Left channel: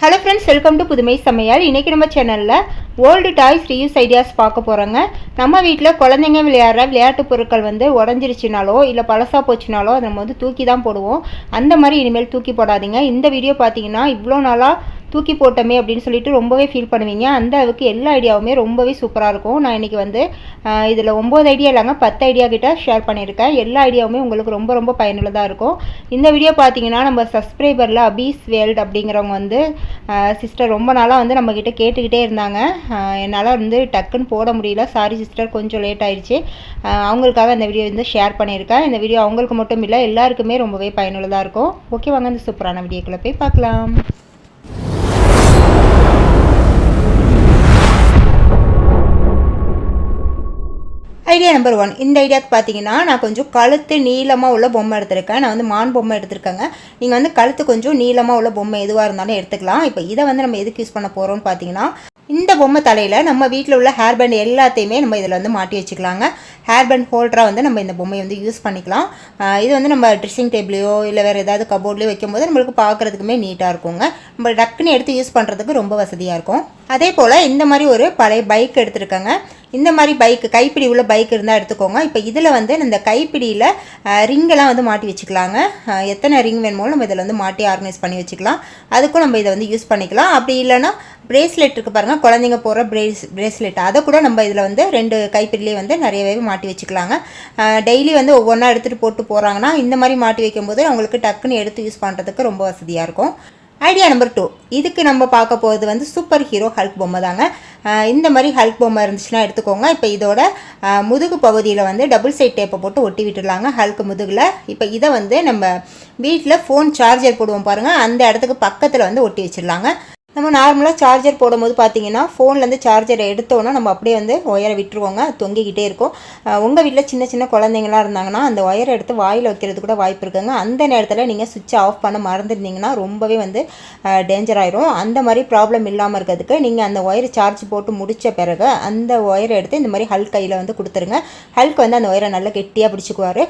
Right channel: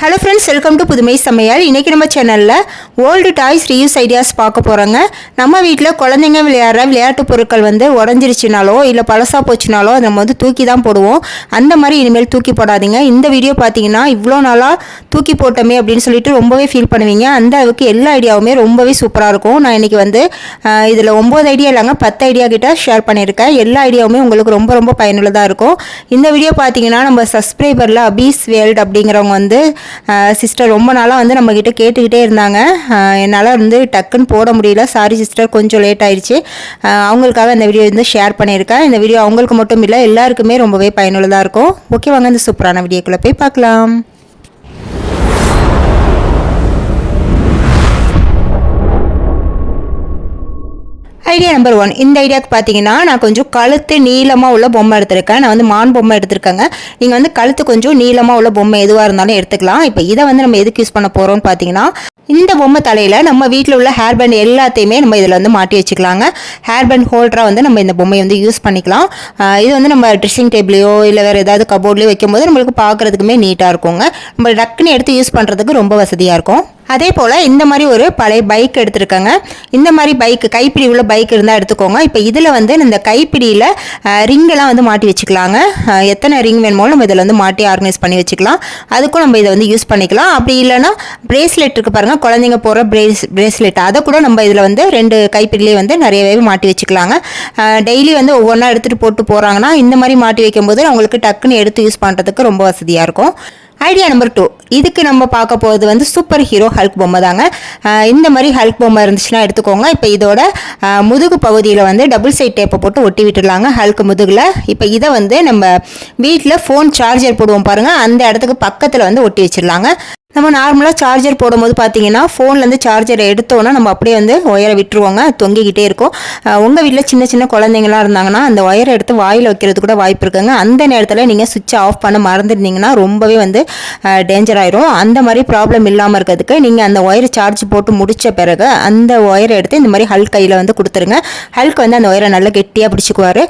Hello friends, welcome to புதுமை சமையல். இன்றைக்கி நம்ம சேனலில் ஓல்டு டாய்ஸ் ரீயூஸ் ஐடியாஸ் பார்க்க போகிறோங்க. நம்ம வீட்டில் குழந்தைங்க விளையாடுற விளையாட்டு பொருட்கள் உடஞ்சிருச்சுனாலோ இல்லை பழசாக போச்சுனாலோ அதை நம்ம தூக்கி தான் போடுவோம். அந்த மாதிரி இனிமேல் தூக்கி போடாதீங்க. இந்த வீடியோ பார்த்தீங்கன்னா இவ்வளோ நாளாக தூக்கி போட்டோமே அப்படின்னு சொல்லிட்டு ரொம்பவே ஃபீல் பண்ணுவீங்க. அந்த அளவுக்கு எல்லா ஐடியாவுமே ரொம்பவே சூப்பராக இருக்கும். நான் இன்றைக்கி இதில் 9 ஐடியா இல்லைங்க 10 ஐடியா கிட்ட ஷேர் பண்ணியிருக்கேன். எல்லா ஐடியாவுமே உங்களுக்கு ரொம்ப ரொம்ப பயனுள்ளதாக இருக்கும். இந்த வீடியோ பார்த்தீங்கன்னா நம்ம சப்ஸ்கிரைபரில் அபீஸ் வேல்ட் அப்படிங்கிறவங்க சிஸ்டர் ரொம்ப நாளாக நம்மக்கிட்ட கேட்டுக்கிட்டே இருந்தாங்க. என்னால் டக்குன்னு போட முடியல, சாரி சிஸ்டர், கொஞ்சம் லேட் ஆயிடுச்சு. அவங்களுக்காக இந்த வீடியோ ஷேர் பண்ணியிருக்கேன். இந்த வீடியோ அவங்களுக்கு மட்டும் இல்லை, எல்லாருக்குமே ரொம்பவே பயனுள்ளதாக இருக்கும். ஓகே, வாங்க இந்த சூப்பரான வீடியோக்குள்ளே போய் பார்க்கலாம். Idea number 1. இந்த ஐடியாவுக்கு பார்த்தீங்கன்னா நான் கொஞ்சம் கழுத்து நீளமாக உள்ள பொம்மை எடுத்திருக்கேன். நான் மான் பொம்மை எடுத்திருக்கேங்க. நீங்கள் கழுத்து கொஞ்சம் நீளமாக உள்ள பொம்மை எதுவாக இருந்தாலும் எடுத்துக்கலாம். இப்போ இதை நம்ம எதுக்கு யூஸ் பண்ண போகிறோம்னு பார்த்தீங்கன்னா, இந்த பொம்மை தலையில் நம்ம வீட்டில் உள்ள ஹேர் பேண்ட் எல்லாத்தையுமே நம்ம இதில் மாட்டி வச்சுக்கலாங்க. ஹேர் பேண்ட் ஹோல்டராக நம்ம இந்த பொம்மையை யூஸ் பண்ணிக்கலாம். இது நம்ம ட்ரெஸ்ஸிங் டேபிளையோ இல்லை வேறு ஏதாவது கபோர்ட்லேயோ வைக்கும்போது நம்மளுக்கு பார்க்குறதுக்குமே நீட்டாக இருக்குங்க. நம்ம டக்குன்னு எடுத்து யூஸ் பண்ணுறதுக்கு ரொம்ப வசதியாக இருக்கும். அதே போல் இந்த மாதிரி ஒரு பழைய பைக் எடுத்துருக்காங்க. இந்த மாதிரி பைக்கு கைப்பிடி உள்ள பைக் இருந்தால் எடுத்துக்கோங்க. இப்போ இதில் இந்த கைப்பிடியில் ரிங்கெல்லாம் மாட்டி வச்சுக்கலாங்க. எத்தனை ரிங் வேணுமோ நம்ம இதில் மாட்டி ஆர்கனைஸ் பண்ணி வச்சுக்கலாம். அதுக்கும் நம்ம இதை யூஸ் பண்ணிக்கலாம். அப்படி இல்லைன்னா பிரேஸ்லெட் இருக்குது பாருங்கள், குழந்தைங்க போகிற பிரேஸ்லெட், அதை கூட நம்ம இதில் 2 கைப்பிடிலேயே நிறையவே மாட்டி வச்சுக்கலாங்க. டெய்லி ஒவ்வொன்றா எடுத்துகிட்டு போட்டு போகிறாங்கன்னா இந்த மாதிரி மாட்டி வைக்கும்போது அவங்களுக்கு டக்குன்னு எடுத்து யூஸ் பண்ணுறதுக்கு ரொம்ப வசதியாக இருக்கும். Idea number 2. இதுக்கு நம்ம பார்க்க போகிறது சூப்பர் ஹீரோ ஹல்க் பொம்மை தாங்க. இந்த மாதிரி ஹல்க் பொம்மை இருந்துச்சுன்னா எடுத்துக்கோங்க. இப்போ இதோட முதுகு பகுதியில் டபுள் சைட் டேப்பை போட்டு ஒட்டி விட்டுடலாங்க ஹல்க் முதுகில். இப்போ இதை நம்ம வீட்டில் ஃபோன் சார்ஜர் போடுவோம் பாருங்கள், அந்த இடத்துக்கு பக்கத்தில் ஒட்டி வச்சிடலாங்க. நம்ம நார்மலாக சார்ஜர் போடும்போது பார்த்தீங்கன்னா ஃபோன்லேருந்து சார்ஜரை எடுத்தோன்னா நம்ம அப்படியே ஒயரை விட்டுருவோங்க, தொங்கிக்கிட்டே இருக்கும். உங்கள் வீட்டில் சின்ன சின்ன குழந்தைங்களாம் இருந்தாங்கன்னா அந்த ஒயரை எடுத்து வாயில் வைக்கிறது கூட வாய்ப்பு இருக்குங்க. அந்த நேரத்தில் நீங்கள் சுவிட்சை ஆஃப் பண்ண மறந்துருந்தீங்கன்னா ரொம்பவே டேஞ்சர் ஆயிரும். அந்த மாதிரி ப்ராப்ளம் இல்லாமல் இருக்கிறதுக்கு நீங்கள் அந்த ஒயரை சார்ஜ் போட்டு முடித்த பிறகு அந்த ஒயரை எடுத்து இந்த மாதிரி ஹல்க் கையில் கொடுத்துருங்க. ஹல்க் அந்த ஒயரை நல்லா கெட்டியாக பிடிச்சிக்குவார்,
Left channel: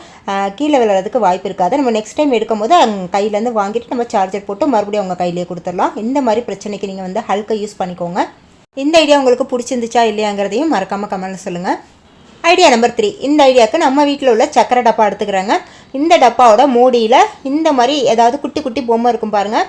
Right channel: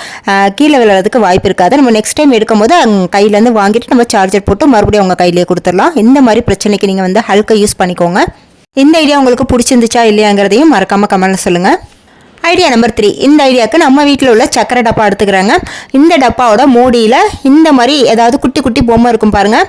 கீழே விழுறதுக்கு வாய்ப்பு இருக்காது. நம்ம நெக்ஸ்ட் டைம் எடுக்கும்போது கையிலேருந்து வாங்கிட்டு நம்ம சார்ஜர் போட்டு மறுபடியும் உங்கள் கையிலேயே கொடுத்துடலாம். இந்த மாதிரி பிரச்சனை நீங்கள் ஹல்கை யூஸ் பண்ணிக்கோங்க. இந்த ஐடியா உங்களுக்கு பிடிச்சிருந்துச்சா இல்லையாங்கிறதையும் மறக்காம கமெண்ட்ல சொல்லுங்க. Idea number 3. இந்த ஐடியாவுக்கு நம்ம வீட்டில் உள்ள சக்கரை டப்பா எடுத்துக்கிறாங்க. இந்த டப்பாவோட மூடியில் இந்த மாதிரி ஏதாவது குட்டி குட்டி பொம்மை இருக்கும் பாருங்கள்,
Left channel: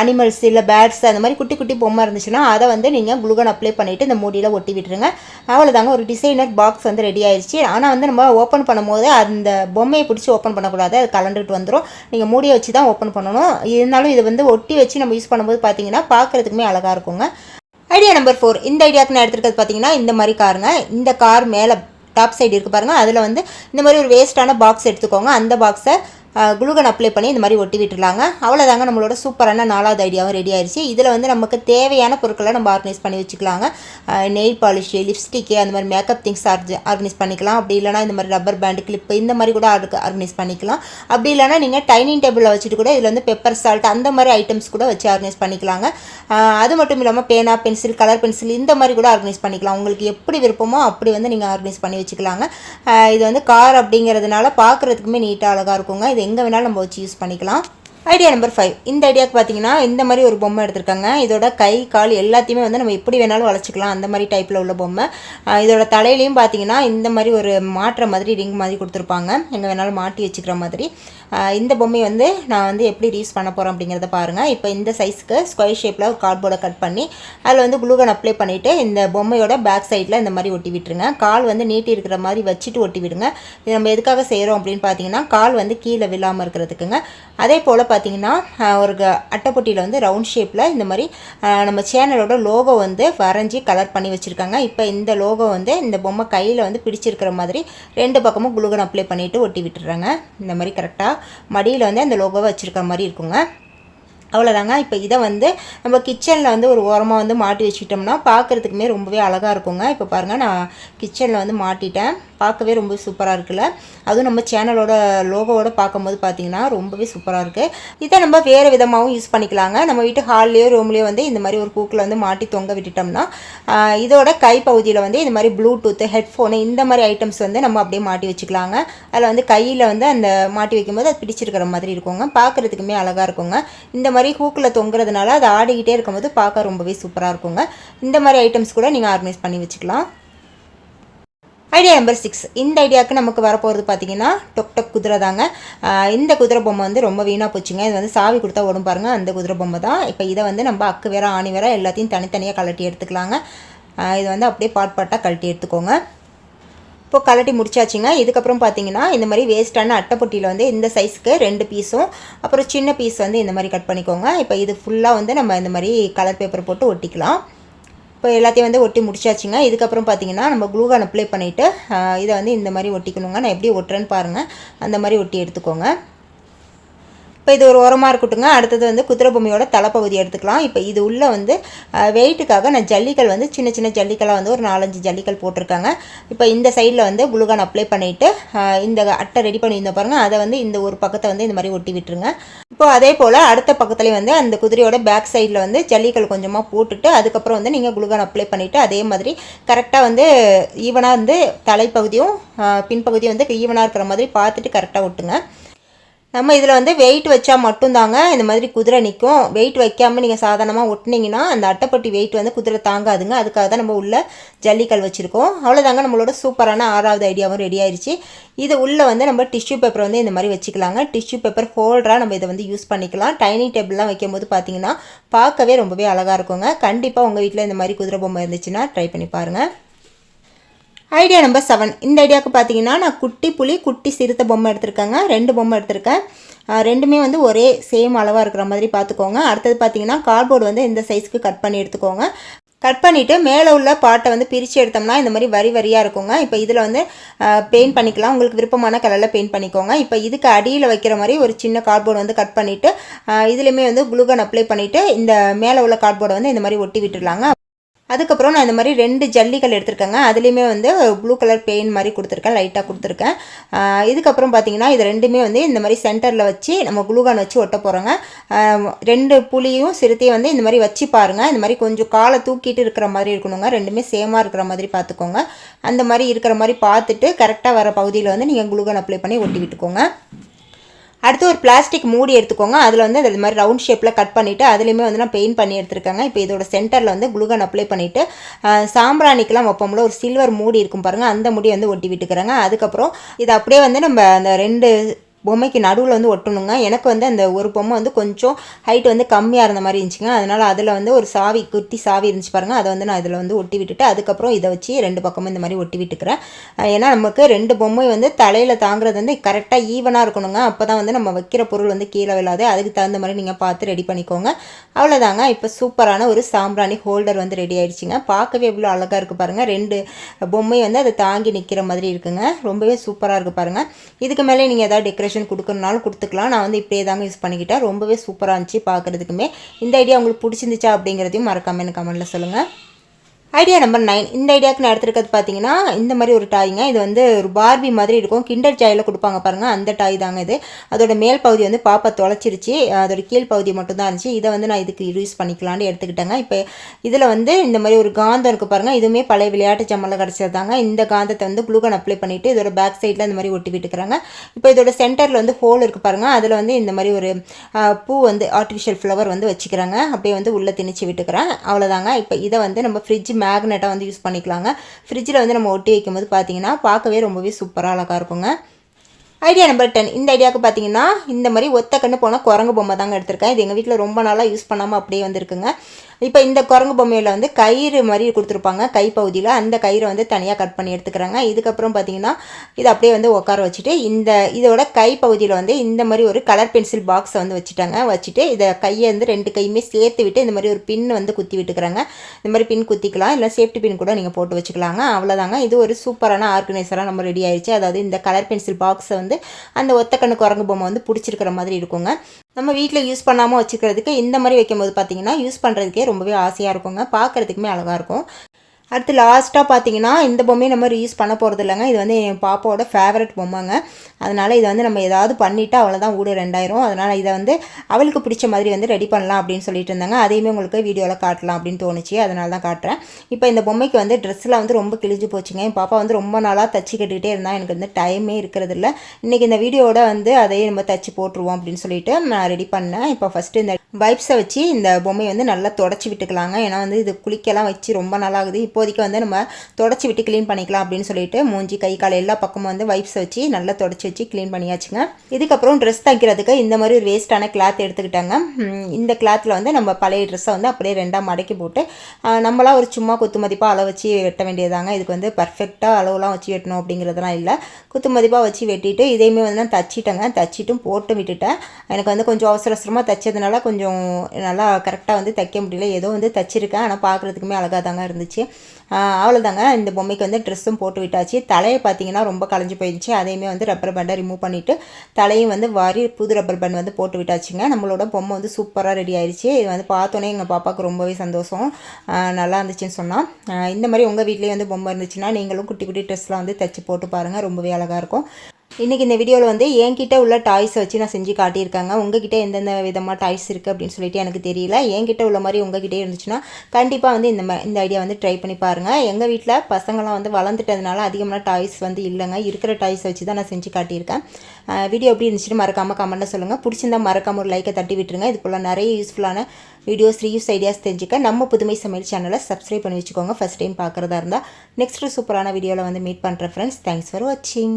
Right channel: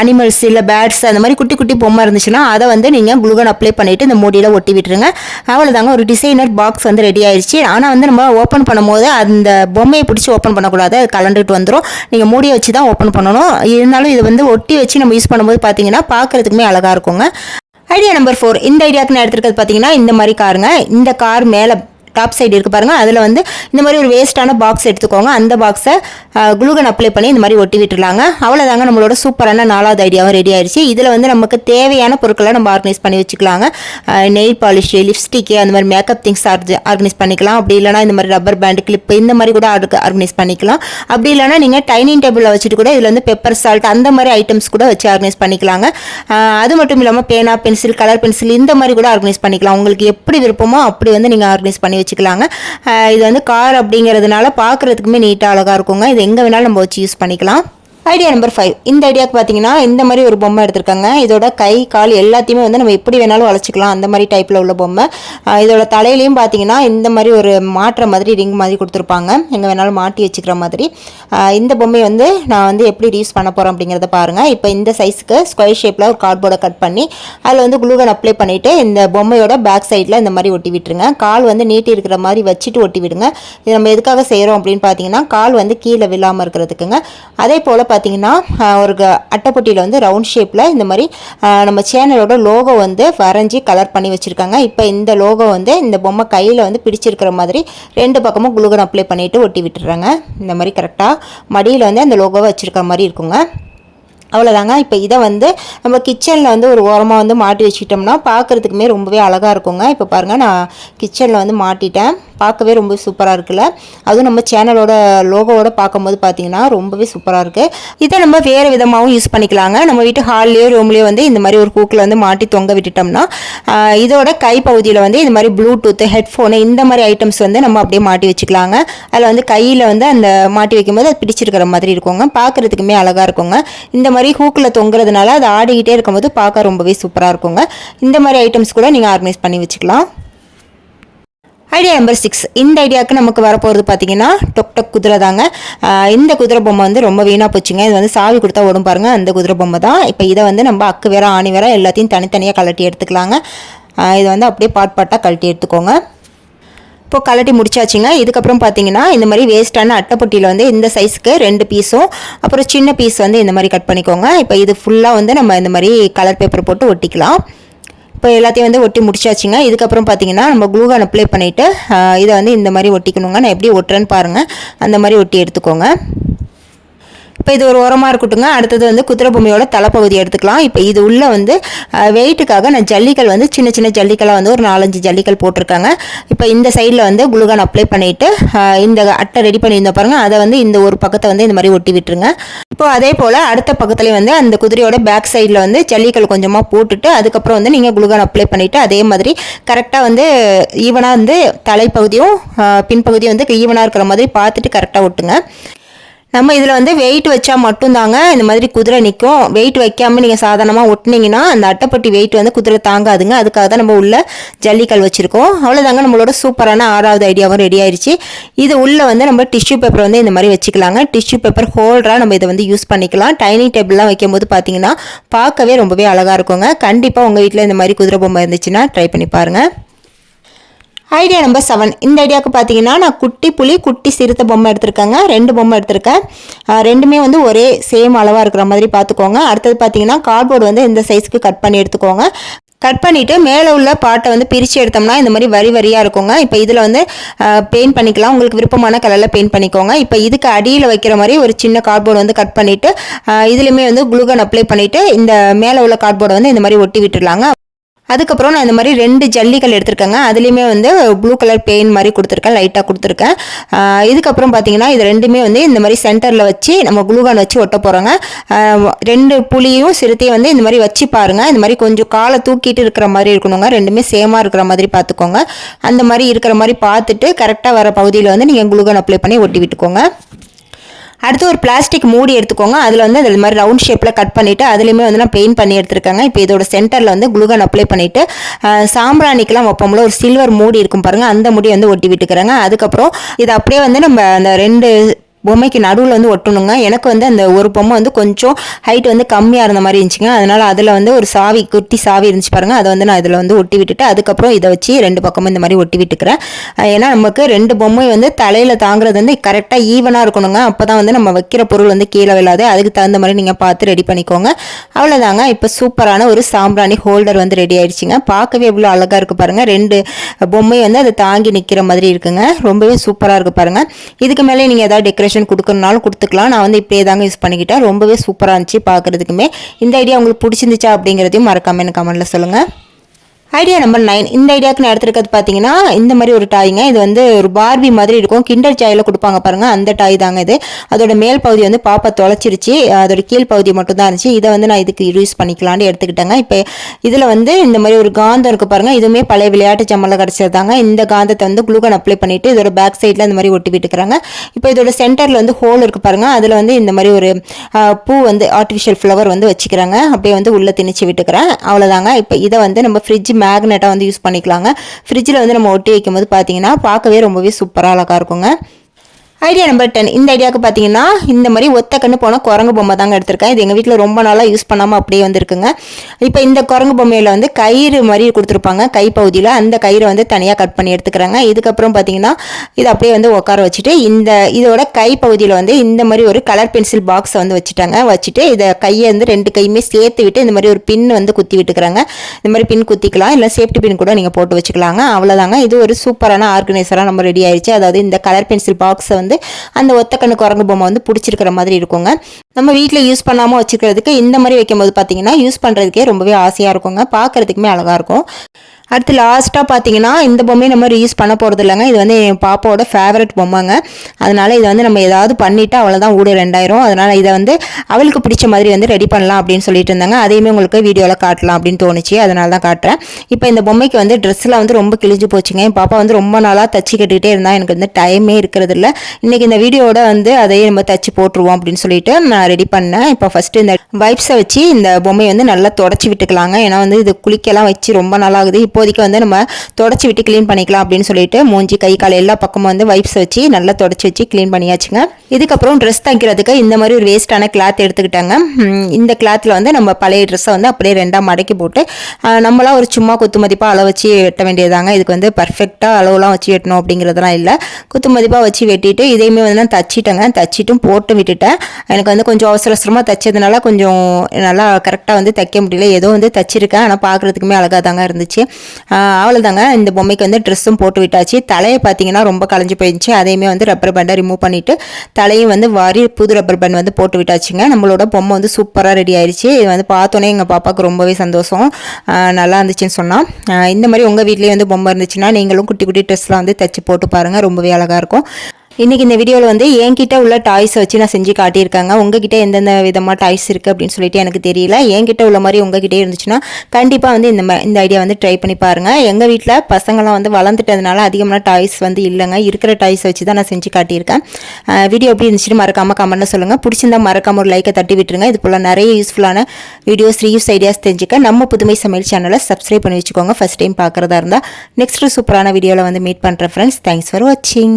அனிமல்ஸ் இல்லை பேர்ட்ஸ், அந்த மாதிரி குட்டி குட்டி பொம்மை இருந்துச்சுன்னா அதை நீங்கள் குளுகன் அப்ளை பண்ணிவிட்டு இந்த மூடியில் ஒட்டி விட்டுருங்க. அவ்வளோதாங்க, ஒரு டிசைனர் பாக்ஸ் ரெடி ஆயிடுச்சு. ஆனால் நம்ம ஓப்பன் பண்ணும்போது அந்த பொம்மையை பிடிச்சி ஓப்பன் பண்ணக்கூடாது, அது கலண்டுட்டு வந்துடும். நீங்கள் மூடியை வச்சு தான் ஓப்பன் பண்ணணும். இருந்தாலும் இது ஒட்டி வச்சு நம்ம யூஸ் பண்ணும்போது பார்த்தீங்கன்னா பார்க்குறதுக்குமே அழகாக இருக்குங்க. Idea number 4. இந்த ஐடியாவுக்கு நான் எடுத்துருக்கிறது பார்த்தீங்கன்னா இந்த மாதிரி காருங்க. இந்த கார் மேலே டாப் சைடு இருக்குது பாருங்கள், அதில் இந்த மாதிரி ஒரு வேஸ்ட்டான பாக்ஸ் எடுத்துக்கோங்க. அந்த பாக்ஸை குளுகன் அப்ளை பண்ணி இந்த மாதிரி ஒட்டி விட்டுருலாங்க. அவ்வளோதாங்க, நம்மளோட சூப்பரான 4வது ஐடியாவும் ரெடி ஆயிடுச்சு. இதில் நமக்கு தேவையான பொருட்களை நம்ம ஆர்கனைஸ் பண்ணி வச்சுக்கலாங்க. நெயில் பாலிஷ், லிப்ஸ்டிக்கு, அந்த மாதிரி மேக்கப் திங்ஸ் ஆர்கனைஸ் பண்ணிக்கலாம். அப்படி இல்லைனா இந்த மாதிரி ரப்பர் பேண்ட், கிளிப்பு, இந்த மாதிரி கூட ஆர்கனைஸ் பண்ணிக்கலாம். அப்படி இல்லைனா நீங்கள் டைனிங் டேபிளில் வச்சுட்டு கூட இதில் பெப்பர் சால்ட் அந்த மாதிரி ஐட்டம்ஸ் கூட வச்சு ஆர்கனைஸ் பண்ணிக்கலாங்க. அது மட்டும் இல்லாமல் பேனா, பென்சில், கலர் பென்சில் இந்த மாதிரி கூட ஆர்கனைஸ் பண்ணிக்கலாம். உங்களுக்கு எப்படி விருப்பமோ அப்படி நீங்கள் ஆர்கனைஸ் பண்ணி வச்சுக்கலாங்க. இது கார் அப்படிங்கிறதுனால பார்க்குறதுக்குமே நீட்டாக அழகாக இருக்குங்க. இது எங்கே வேணாலும் நம்ம வச்சு யூஸ் பண்ணிக்கலாம். Idea number 5. இந்த ஐடியாவுக்கு பார்த்தீங்கன்னா இந்த மாதிரி ஒரு பொம்மை எடுத்திருக்காங்க. இதோட கை கால் எல்லாத்தையுமே நம்ம எப்படி வேணாலும் வளைச்சிக்கலாம், அந்த மாதிரி டைப்பில் உள்ள பொம்மை. இதோட தலையிலையும் பார்த்தீங்கன்னா இந்த மாதிரி ஒரு மாட்டுற மாதிரி ரிங் மாதிரி கொடுத்துருப்பாங்க, எங்கே வேணாலும் மாட்டி வச்சுக்கிற மாதிரி. இந்த பொம்மையை நான் எப்படி யூஸ் பண்ண போகிறேன் அப்படிங்கிறத பாருங்கள். இப்போ இந்த சைஸுக்கு ஸ்கொயர் ஷேப்பில் ஒரு கார்ட்போர்டை கட் பண்ணி அதில் குளுகன் அப்ளை பண்ணிவிட்டு இந்த பொம்மையோட பேக் சைடில் இந்த மாதிரி ஒட்டி விட்டுருங்க. கால் நீட்டி இருக்கிற மாதிரி வச்சுட்டு ஒட்டி விடுங்க. இது நம்ம எதுக்காக செய்கிறோம் அப்படின்னு பார்த்தீங்கன்னா கால் கீழே விழாமல் இருக்கிறதுக்குங்க. அதே போல் பார்த்தீங்கன்னா ஒரு அட்டைப்பொட்டியில் ரவுண்ட் ஷேப்பில் இந்த மாதிரி நம்ம சேனலோட லோகோ வரைஞ்சி கலர் பண்ணி வச்சுருக்காங்க. இப்போ இந்த லோகோ இந்த பொம்மை கையில் பிடிச்சிருக்கிற மாதிரி 2 பக்கமும் குளுகன் அப்ளை பண்ணிவிட்டு ஒட்டி விட்டுறாங்க. இந்த மாதிரி கரெக்டாக மடியில் அந்த லோகோவை வச்சுருக்கிற மாதிரி இருக்குங்க. அவ்வளோதாங்க. இப்போ இதை நம்ம கிச்சனில் ஒரு ஓரமாக மாட்டி வச்சுக்கிட்டோம்னா பார்க்குறதுக்குமே ரொம்பவே அழகாக இருக்குங்க. இப்போ பாருங்கள், நான் கிச்சனில் மாட்டிட்டேன். பார்க்கவே ரொம்ப சூப்பராக இருக்குல்ல. அதுவும் நம்ம சேனலோட லோகோவோட பார்க்கும்போது பார்த்தீங்கன்னா ரொம்பவே சூப்பராக இருக்குது. இதை நம்ம வேறு விதமாகவும் யூஸ் பண்ணிக்கலாங்க. நம்ம வீட்டு ஹால்லேயோ ரூம்லேயோ வந்து இந்த மாதிரி ஒரு ஹூக்கில் வந்து மாட்டி தொங்க விட்டுட்டோம்னா இதோட கைப்பகுதியில் வந்து இந்த மாதிரி ப்ளூடூத் ஹெட்ஃபோனு இந்த மாதிரி ஐட்டம்ஸ் வந்து நம்ம அப்படியே மாட்டி வச்சுக்கலாங்க. அதில் வந்து கையில் வந்து அந்த மாட்டி வைக்கும்போது அது பிடிச்சிருக்கிற மாதிரி இருக்குங்க. பார்க்குறதுக்குமே அழகாக இருக்குங்க. இந்த மாதிரி ஹூக்கில் தொங்குறதுனால அது ஆடிக்கிட்டே இருக்கும்போது பார்க்க ரொம்பவே சூப்பராக இருக்குங்க. இந்த மாதிரி ஐட்டம்ஸ் கூட நீங்கள் ஆர்கனைஸ் பண்ணி வச்சுக்கலாம். Idea number 6. இந்த ஐடியாவுக்கு நமக்கு வரப்போகிறது பார்த்தீங்கன்னா டொக் டொக் குதிரை தாங்க. இந்த குதிரை பொம்மை வந்து ரொம்ப வீணாக போச்சுங்க. இது வந்து சாவி கொடுத்தா ஓடும் பாருங்கள், அந்த குதிரை பொம்மை தான். இப்போ இதை வந்து நம்ம அக்கு வேற ஆணி வேற எல்லாத்தையும் தனித்தனியாக கழட்டி எடுத்துக்கலாங்க. இதை வந்து அப்படியே பாட்டாக கழட்டி எடுத்துக்கோங்க. இப்போது கலட்டி முடிச்சாச்சுங்க. இதுக்கப்புறம் பார்த்தீங்கன்னா இந்த மாதிரி வேஸ்ட்டான அட்டைப்பொட்டியில் வந்து இந்த சைஸுக்கு 2 பீஸும் அப்புறம் சின்ன பீஸ் வந்து இந்த மாதிரி கட் பண்ணிக்கோங்க. இப்போ இது ஃபுல்லாக வந்து நம்ம இந்த மாதிரி கலர் பேப்பர் போட்டு ஒட்டிக்கலாம். இப்போ எல்லாத்தையும் வந்து ஒட்டி முடிச்சாச்சுங்க. இதுக்கப்புறம் பார்த்தீங்கன்னா நம்ம க்ளூகன் அப்ளை பண்ணிவிட்டு இதை வந்து இந்த மாதிரி ஒட்டிக்கணுங்க. நான் எப்படி ஒட்டுறேன்னு பாருங்கள், அந்த மாதிரி ஒட்டி எடுத்துக்கோங்க. இப்போ இது ஒரு ஓரமாக இருக்கட்டுங்க. அடுத்தது வந்து குதிரை பொம்மையோட தலைப்பகுதி எடுத்துக்கலாம். இப்போ இது உள்ளே வந்து வெயிட்டுக்காக நான் ஜல்லிக்கல் வந்து சின்ன சின்ன ஜல்லிக்கலாக வந்து ஒரு 4-5 ஜல்லிக்கல் போட்டிருக்காங்க. இப்போ இந்த சைடில் வந்து க்ளூகன் அப்ளை பண்ணிவிட்டு இந்த அட்டை ரெடி பண்ணியிருந்தோம் பாருங்கள், அதை வந்து இந்த ஒரு பக்கத்தை வந்து இந்த மாதிரி ஒட்டி விட்டுருங்க. இப்போ அதே போல் அடுத்த பக்கத்துலேயும் வந்து அந்த குதிரையோட பேக் சைடில் வந்து ஜல்லிக்கல் கொஞ்சமாக போட்டுட்டு அதுக்கப்புறம் வந்து நீங்கள் க்ளூகன் அப்ளை பண்ணிவிட்டு அதே மாதிரி கரெக்டாக வந்து ஈவனாக வந்து தலைப்பகுதியும் பின்பகுதியும் வந்து ஈவனாக இருக்கிற மாதிரி பார்த்துட்டு கரெக்டாக ஒட்டுங்க. நம்ம இதில் வந்து வெயிட் வச்சா மட்டும்தாங்க இந்த மாதிரி குதிரை நிற்கும். வெயிட் வைக்காமல் நீங்கள் சாதாரணமாக ஒட்டினீங்கன்னா அந்த அட்டைப்பட்டி வெயிட் வந்து குதிரை தாங்காதுங்க. அதுக்காக தான் நம்ம உள்ள ஜல்லிக்கல் வச்சுருக்கோம். அவ்வளோதாங்க, நம்மளோட சூப்பரான 6வது ஐடியாவும் ரெடி ஆயிடுச்சு. இது உள்ளே வந்து நம்ம டிஷ்யூ பேப்பர் வந்து இந்த மாதிரி வச்சுக்கலாங்க. டிஷ்யூ பேப்பர் ஹோல்டராக நம்ம இதை வந்து யூஸ் பண்ணிக்கலாம். டைனிங் டேபிள்லாம் வைக்கும்போது பார்த்தீங்கன்னா பார்க்கவே ரொம்பவே அழகாக இருக்குங்க. கண்டிப்பாக உங்கள் வீட்டில் இந்த மாதிரி குதிரை பொம்மை இருந்துச்சுன்னா ட்ரை பண்ணி பாருங்கள். Idea number 7. இந்த ஐடியாவுக்கு பார்த்தீங்கன்னா நான் குட்டி புலி குட்டி சிறுத்தை பொம்மை எடுத்திருக்கேங்க. 2 பொம்மை எடுத்திருக்கேன். ரெண்டுமே வந்து ஒரே சேம் அளவாக இருக்கிற மாதிரி பார்த்துக்கோங்க. அடுத்தது பார்த்தீங்கன்னா கார்ட்போர்டு வந்து இந்த சைஸ்க்கு கட் பண்ணி எடுத்துக்கோங்க. கட் பண்ணிவிட்டு மேலே உள்ள பாட்டை வந்து பிரித்து எடுத்தோம்னா இந்த மாதிரி வரி வரியாக இருக்குங்க. இப்போ இதில் வந்து பெயிண்ட் பண்ணிக்கலாம். உங்களுக்கு விருப்பமான கலரில் பெயிண்ட் பண்ணிக்கோங்க. இப்போ இதுக்கு அடியில் வைக்கிற மாதிரி ஒரு சின்ன கார்ட்போர்டு வந்து கட் பண்ணிவிட்டு இதுலேயுமே வந்து க்ளூகன் அப்ளை பண்ணிவிட்டு இந்த மேலே உள்ள கார்ட்போர்டை வந்து இந்த மாதிரி ஒட்டி விட்டுடலாங்க. அதுக்கப்புறம் நான் இந்த மாதிரி 2 ஜல்லிக்கல் எடுத்திருக்கேங்க. அதுலேயுமே வந்து ப்ளூ கலர் பெயிண்ட் மாதிரி கொடுத்துருக்கேன், லைட்டாக கொடுத்துருக்கேன். இதுக்கப்புறம் பார்த்தீங்கன்னா இது ரெண்டுமே வந்து இந்த மாதிரி சென்டரில் வச்சு நம்ம க்ளூகன் வச்சு ஒட்ட போகிறோங்க. 2 புலியும் சிறுத்தையும் வந்து இந்த மாதிரி வச்சு பாருங்கள். இந்த மாதிரி கொஞ்சம் காலை தூக்கிட்டு இருக்கிற மாதிரி இருக்கணுங்க. ரெண்டுமே சேமாக இருக்கிற மாதிரி பார்த்துக்கோங்க. அந்த மாதிரி இருக்கிற மாதிரி பார்த்துட்டு கரெக்டாக வர பகுதியில் வந்து நீங்கள் க்ளூகன் அப்ளை பண்ணி ஒட்டி விட்டுக்கோங்க. அடுத்து ஒரு பிளாஸ்டிக் மூடி எடுத்துக்கோங்க. அதில் வந்து இந்த மாதிரி ரவுண்ட் ஷேப்பில் கட் பண்ணிவிட்டு அதுலேயுமே வந்து நான் பெயிண்ட் பண்ணி எடுத்துருக்கேங்க. இப்போ இதோட சென்டரில் வந்து க்ளூகன் அப்ளை பண்ணிவிட்டு சாம்பிராணிக்கெலாம் வைப்போம்ல ஒரு சில்வர் மூடி இருக்கும் பாருங்கள், அந்த மூடி வந்து ஒட்டி விட்டுக்கிறேங்க. அதுக்கப்புறம் இது அப்படியே வந்து நம்ம அந்த 2 பொம்மைக்கு நடுவில் வந்து ஒட்டணுங்க. எனக்கு வந்து அந்த ஒரு பொம்மை வந்து கொஞ்சம் ஹைட் வந்து கம்மியாக இருந்த மாதிரி இருந்துச்சுங்க. அதனால் அதில் வந்து ஒரு சாவி குட்டி சாவி இருந்துச்சு பாருங்கள், அதை வந்து நான் இதில் வந்து ஒட்டி விட்டுட்டு அதுக்கப்புறம் இதை வச்சு 2 பக்கமும் இந்த மாதிரி ஒட்டி விட்டுக்கிறேன். ஏன்னா நமக்கு 2 பொம்மை வந்து தலையில் தாங்கிறது வந்து கரெக்டாக ஈவனாக இருக்கணுங்க. அப்போ தான் வந்து நம்ம வைக்கிற பொருள் வந்து கீழே விழாது. அதுக்கு தகுந்த மாதிரி நீங்கள் பார்த்து ரெடி பண்ணிக்கோங்க. அவ்வளோதாங்க. இப்போ சூப்பரான ஒரு சாம்பிராணி ஹோல்டர் வந்து ரெடி ஆயிடுச்சுங்க. பார்க்கவே எவ்வளோ அழகாக இருக்குது பாருங்கள். 2 பொம்மை வந்து அதை தாங்கி நிற்கிற மாதிரி இருக்குங்க. ரொம்பவே சூப்பராக இருக்குது பாருங்கள். இதுக்கு மேலே நீங்கள் ஏதாவது டெக்கரேஷன் கொடுக்கறனாலும் கொடுத்துக்கலாம். நான் வந்து இப்படியே தாங்க யூஸ் பண்ணிக்கிட்டேன். ரொம்பவே சூப்பராக இருந்துச்சு பார்க்குறதுக்குமே. இந்த ஐடியா உங்களுக்கு பிடிச்சிருந்துச்சா அப்படிங்கிறதையும் மறக்காம எனக்கு கமெண்ட்டில் சொல்லுங்கள். Idea number 9. இந்த ஐடியாவுக்கு நான் எடுத்துருக்கிறது பார்த்தீங்கன்னா இந்த மாதிரி ஒரு டாய்ங்க. இது வந்து ஒரு பார்பி மாதிரி இருக்கும். கிண்டர் ஜாயில் கொடுப்பாங்க பாருங்கள், அந்த டாய் தாங்க இது. அதோட மேல் பகுதி வந்து பாப்பா தொலைச்சிருச்சு. அதோட கீழ் பகுதி மட்டும் தான் இருந்துச்சு. இதை வந்து நான் இதுக்கு யூஸ் பண்ணிக்கலான்னு எடுத்துக்கிட்டேங்க. இப்போ இதில் வந்து இந்த மாதிரி ஒரு காந்தம் இருக்குது பாருங்கள். இதுவுமே பழைய விளையாட்டு ஜம்மலில் கிடச்சதாங்க. இந்த காந்தத்தை வந்து க்ளூகன் அப்ளை பண்ணிவிட்டு இதோட பேக் சைடில் இந்த மாதிரி ஒட்டி விட்டுக்கிறாங்க. இப்போ இதோட சென்டரில் வந்து ஹோல் இருக்குது பாருங்கள். அதில் வந்து இந்த மாதிரி ஒரு பூ வந்து ஆர்டிஃபிஷியல் ஃப்ளவர் வந்து வச்சுக்கிறாங்க. அப்படியே வந்து உள்ளே திணிச்சு விட்டுக்கிறேன். அவ்வளோதாங்க. இப்போ இதை வந்து நம்ம ஃப்ரிட்ஜ் மேக்னெட்டாக வந்து யூஸ் பண்ணிக்கலாங்க. ஃப்ரிட்ஜில் வந்து நம்ம ஒட்டி வைக்கும்போது பார்த்தீங்கன்னா பார்க்கவே ரொம்பவே சூப்பராக அழகாக இருக்குங்க. Idea number 10. இந்த ஐடியாவுக்கு பார்த்தீங்கன்னா இந்த மாதிரி ஒத்த கண்ணு போன குரங்கு பொம்மை தாங்க எடுத்திருக்கேன். இது எங்கள் வீட்டில் ரொம்ப நாளாக யூஸ் பண்ணாமல் அப்படியே வந்துருக்குங்க. இப்போ இந்த குரங்கு பொம்மையில் வந்து கயிறு மாதிரி கொடுத்துருப்பாங்க கைப்பகுதியில். அந்த கயிறை வந்து தனியாக கட் பண்ணி எடுத்துக்கிறாங்க. இதுக்கப்புறம் பார்த்தீங்கன்னா இதை அப்படியே வந்து உட்கார வச்சுட்டு இதோட கைப்பகுதியில் வந்து இந்த மாதிரி ஒரு கலர் பென்சில் பாக்ஸை வந்து வச்சுட்டு இதை கையை வந்து 2 கையுமே சேர்த்து விட்டு இந்த மாதிரி ஒரு பின் வந்து குத்தி விட்டுக்கிறாங்க. இந்த மாதிரி பின் குத்திக்கலாம், இல்லை சேஃப்டி பின் கூட நீங்கள் போட்டு வச்சுக்கலாங்க. அவ்வளோதாங்க. இது ஒரு சூப்பரான ஆர்கனைசராக நம்ம ரெடி ஆயிடுச்சு. அதாவது இந்த கலர் பென்சில் பாக்ஸை வந்து அந்த ஒத்த கண்ணு குரங்கு பொம்மை வந்து பிடிச்சிருக்கிற மாதிரி இருக்குங்க. நம்ம வீட்டில் யூஸ் பண்ணாமல் வச்சுக்கிறதுக்கு இந்த மாதிரி வைக்கும்போது பார்த்தீங்கன்னா யூஸ் பண்ணுறதுக்கே ரொம்பவே ஆசையாக இருக்குங்க. பார்க்குறதுக்குமே அழகாக இருக்கும். அடுத்து லாஸ்ட்டாக பார்த்தீங்கன்னா இந்த பொம்மையை நம்ம ரீயூஸ் பண்ண போகிறது இல்லைங்க. இது வந்து என் பாப்பாவோட ஃபேவரட் பொம்மைங்க. அதனால் இதை வந்து நம்ம ஏதாவது பண்ணிவிட்டு அவ்வளோதான் ஊடு 2000. அதனால் இதை வந்து அவளுக்கு பிடிச்ச மாதிரி வந்து ரெடி பண்ணலாம் அப்படின்னு சொல்லிட்டு இருந்தாங்க. அதையுமே உங்களுக்கு வீடியோவில் காட்டலாம் அப்படின்னு தோணுச்சு, அதனால தான் காட்டுறேன். இப்போ இந்த பொம்மைக்கு வந்து ட்ரெஸ்ஸில் வந்து ரொம்ப கிழிஞ்சு போச்சுங்க. என் பாப்பா வந்து ரொம்ப நாளாக தச்சு கட்டிகிட்டே இருந்தால் எனக்கு வந்து டைமே இருக்கிறது இல்லை. இன்றைக்கி இந்த வீடியோட வந்து அதையே நம்ம தச்சு போட்டுருவோம் அப்படின்னு சொல்லிட்டு நான் ரெடி பண்ணேன். இப்போ ஃபஸ்ட்டு இந்த வைப்ஸை வச்சு இந்த பொம்மையை வந்து நல்லா தொடச்சி விட்டுக்கலாங்க. ஏன்னா வந்து இது குளிக்கலாம் வச்சு ரொம்ப நாளாகுது. இப்போதைக்கு வந்து நம்ம தொடச்சி விட்டு க்ளீன் பண்ணிக்கலாம் அப்படின்னு சொல்லிட்டு மூஞ்சி கை கால் எல்லா பக்கமும் வந்து வைப்ஸ் வச்சு நல்லா தொடச்சி வச்சு க்ளீன் பண்ணியாச்சுங்க. இதுக்கப்புறம் ட்ரெஸ் தைக்கிறதுக்கு இந்த மாதிரி ஒரு வேஸ்ட்டான கிளாத் எடுத்துக்கிட்டாங்க. இந்த கிளாத்தில் வந்து நம்ம பழைய ட்ரெஸ்ஸை வந்து அப்படியே 2ஆக மடக்கி போட்டு நம்மளாம் ஒரு சும்மா குத்து மதிப்பாக அளவு வச்சு வெட்ட வேண்டியதாங்க. இதுக்கு வந்து பர்ஃபெக்டாக அளவுலாம் வச்சு வெட்டணும் அப்படிங்கிறதுலாம் இல்லை. குத்து மதிப்பாக வச்சு வெட்டிட்டு இதையுமே வந்து நான் தச்சிட்டேங்க. தச்சிட்டும் போட்டு விட்டுட்டேன். எனக்கு வந்து கொஞ்சம் அவசர அவசரமாக தைச்சதுனால கொஞ்சம் நல்லா கரெக்டாக வந்து தைக்க முடியல. ஏதோ வந்து தச்சிருக்கேன், ஆனால் பார்க்குறதுக்குமே அழகாக தாங்க இருந்துச்சு. அவ்வளோதாங்க. இந்த பொம்மைக்கு வந்து ட்ரெஸ்ஸும் போட்டு விட்டாச்சு. தலையை பார்த்தீங்கன்னா ரொம்ப களைஞ்சு போயிடுச்சு. அதையுமே வந்து ரப்பர் பேண்டை ரிமூவ் பண்ணிவிட்டு தலையும் வந்து வாரி புது ரப்பர் பேண்ட் வந்து போட்டு விட்டாச்சுங்க. நம்மளோட பொம்மை வந்து சூப்பராக ரெடி ஆயிடுச்சு. இது வந்து பார்த்தோன்னே எங்கள் பாப்பாவுக்கு ரொம்பவே சந்தோஷம். நல்லா இருந்துச்சுன்னு சொன்னால், இந்த மாதிரி உங்கள் வீட்லேயே வந்து பொம்மை இருந்துச்சுன்னா நீங்களும் குட்டி குட்டி ட்ரெஸ்லாம் வந்து தைச்சி போட்டு பாருங்கள், ரொம்பவே அழகாக இருக்கும். இன்றைக்கி இந்த வீடியோவில் வந்து என்கிட்ட உள்ள டாய்ஸை வச்சு நான் செஞ்சு காட்டியிருக்காங்க. உங்ககிட்ட எந்தெந்த விதமாக டாய்ஸ் இருக்குது அப்படின்னு சொல்லிட்டு எனக்கு தெரியல. என்கிட்ட உள்ள மாதிரி உங்ககிட்டே இருந்துச்சுன்னா கண்டிப்பாக வந்து இந்த ஐடியா வந்து ட்ரை பண்ணி பாருங்கள். எங்கள் வீட்டில் பசங்களாம் வந்து வளர்ந்துட்டதுனால அதிகமான டாய்ஸ் வந்து இல்லைங்க. இருக்கிற டாய்ஸை வச்சு தான் நான் செஞ்சு காட்டியிருக்கேன். வீடியோ எப்படி இருந்துச்சுன்னு மறக்காமல் கமெண்ட்டில் சொல்லுங்கள். பிடிச்சிருந்தா மறக்காமல் ஒரு லைக்கை தட்டி விட்டுருங்க. இது போல் நிறைய யூஸ்ஃபுல்லான வீடியோஸ் ரீயூஸ் ஐடியாஸ் தெரிஞ்சுக்க நம்ம புதுமை சமையல் சேனலை சப்ஸ்கிரைப் பண்ணி வச்சுக்கோங்க. ஃபஸ்ட் டைம் பார்க்குறதா இருந்தால் நெக்ஸ்ட் சூப்பரான வீடியோவில் வந்து மீட் பண்ணுறேன் ஃப்ரெண்ட்ஸ். தேங்க்ஸ் ஃபார் வாட்சிங்.